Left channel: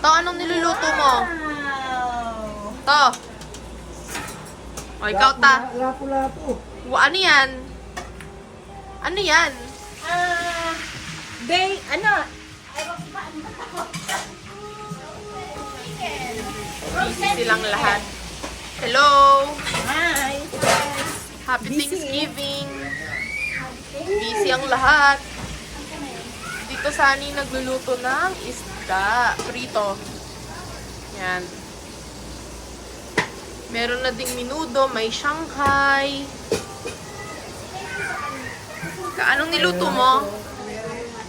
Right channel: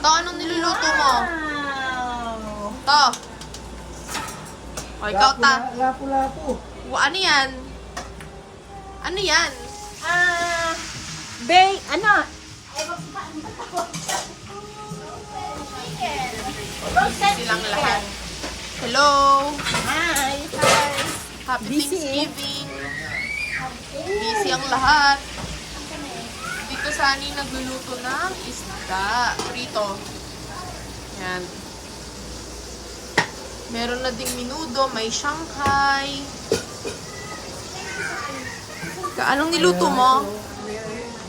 To, anong niluluto mo? Wow! To. O, ikaw ta. Lapu-lapu. Ano yan? Ano yan? Ano? Silang lahat. Hello! Hi! Happy Busy. Thanksgiving! Busy ang lahat. Dito Sunny nagluluto ng isda. Prito. Yan. Meron na ding minudo, may Shanghai. Anong niluto mo?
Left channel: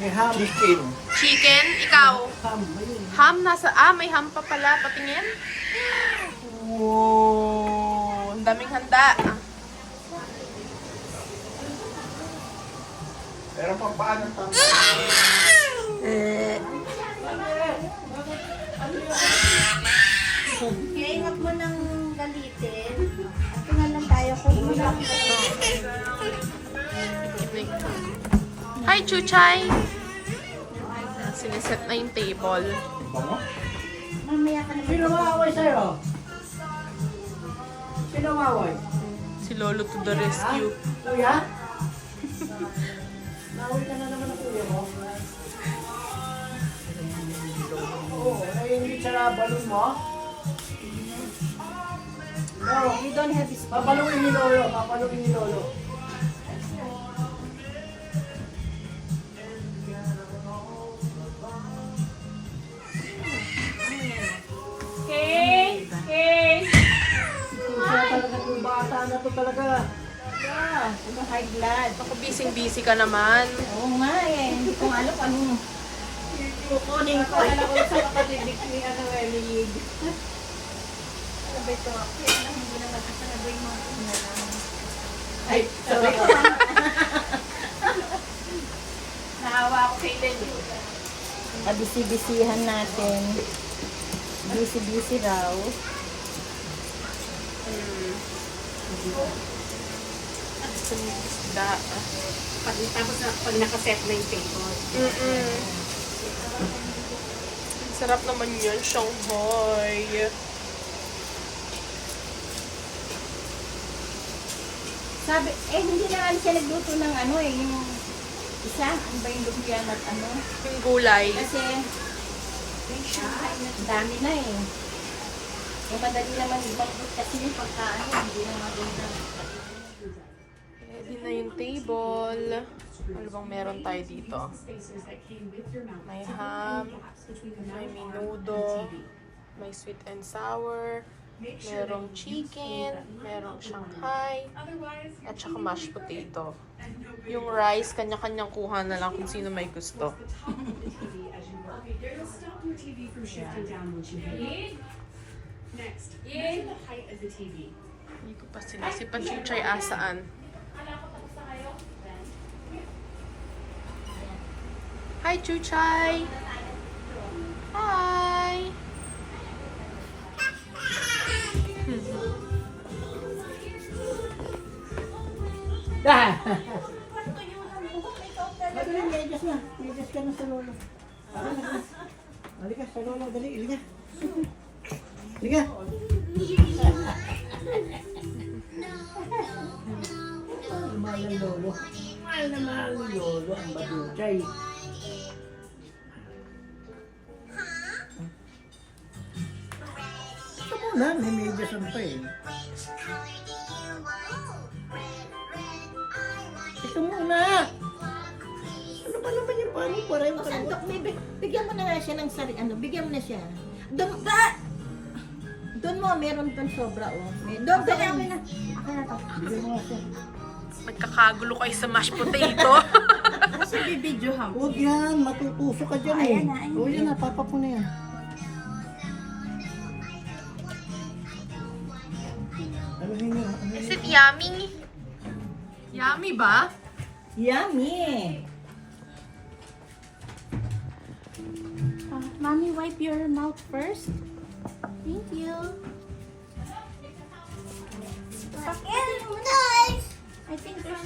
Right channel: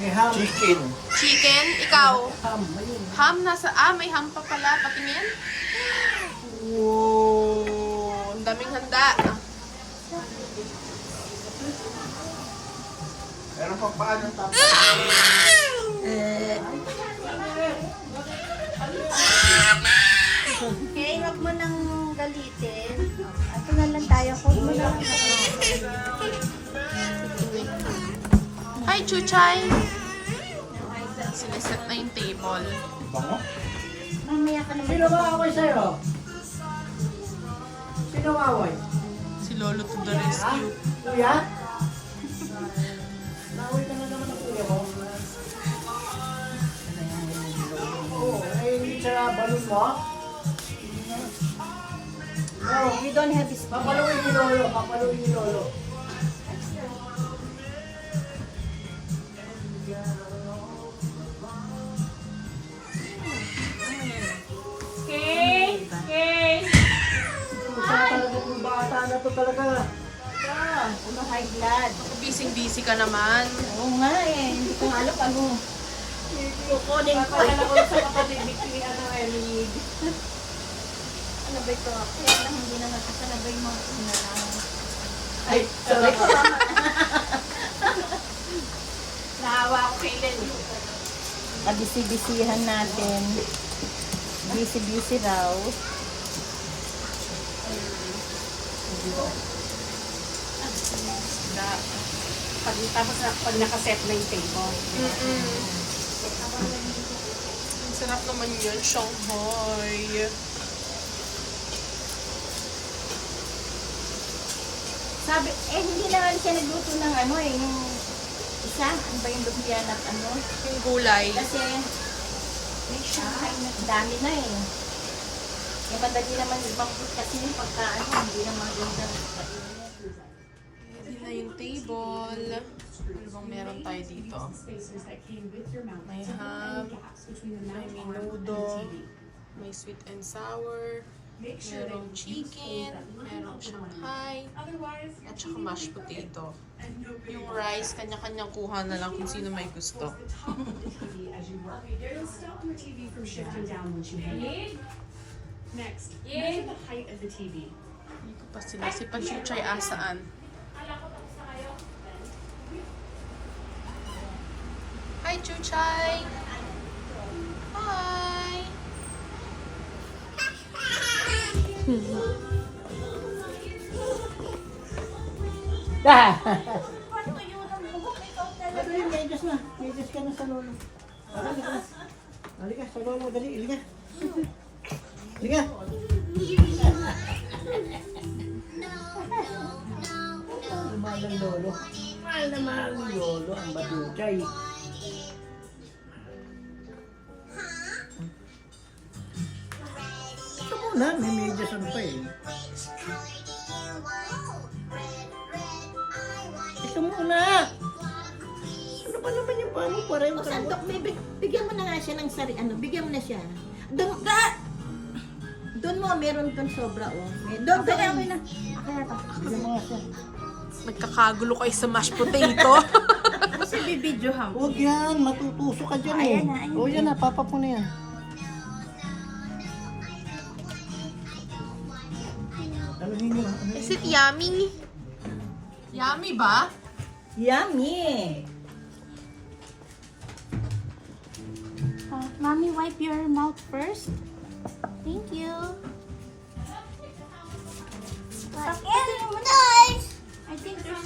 May ham. Chicken. Chicken? Ikaw? Ham. Ayun. Ham nasa... may ham pa pala. Patingin. Wow! Ang daming handa. Pero pang paano tama? Okay, huwag mo nang galitin. Ito na lang tayo. Huwag mo lang. Hi, Chuchay! Siniset na yung table. Bango? Mamaya ka naman. Sino mawaway sa'yo? Sino mawaway? Si Lolo to the rescue. Kuya? Naway ka na naman ang kuya mo. Oo, ay hindi sa balon mo. Oh, We don't have this. papaluin ni Lolo, papaluin ni Lolo. Pusa talaga itong bata na to talaga. Ano high blood? Ako busy-busy ka naman. Oo nga eh. Hindi ko alam ano. Kukunin ko. Kaya ko sa kapatid ni ano, Emily. Ano ba ito? Kaya lang hindi naman kasalabay mga inalang. Ay, sorry. Naawa ako kay Lenny. Kabisi-bisihan natin. Busy-busy raw. Da. Pag nakaset na yung table. Ang sarap naman yun, Shanghai. Sabi, hindi na nga siya nagluto ng ano eh, yung isa, ano ba yung lumpian at ano? Yung gulay. Kasi, dami na eh. Eh, madali naman ibang kasi yung pagkaano, hindi na maganda. Ready na yung table. Ano bang meron tayo dito? May ham, may minudo, may sweet and sour, merong chicken, merong Shanghai, at saka mashed potato. Yung rice, kanya-kanyang kuha na lang kung sino may gusto. Next, measure the height of the TV. Ito pa sila. Si Pachuchay asaan? Hi, Chuchay! Hi! Dah! Dali, medyas na. Medyas ka na sa Lolo. Halika. Halika sa Lolo, dali. Halika. Halika. Mahal ng Lolo. Mahal na mahal ni Lolo ang Batuchay. Ito muna, may medyasan pa eh. Ito muna! Ano ba naman yung pamo? Pareho ka naman. Sandok, bigyan mo na nga siya ng ano, bigyan mo na siya. Doon mo, meron doon sobra oh. Doon, okay na. Okay na to. Bigyan mo nga siya. Nagkakagulo kayo sa mashed potato. Kasi bibidyo ha. Huwag yan, matutusok ka dyan eh. Ayan na, ayan. O yan na, papa po na yan. Anuhin nyo, anuhin Is nyo. it yummy? Yummy ba? Yummy! Mommy, wipe your mouth first. Thank you. I think there's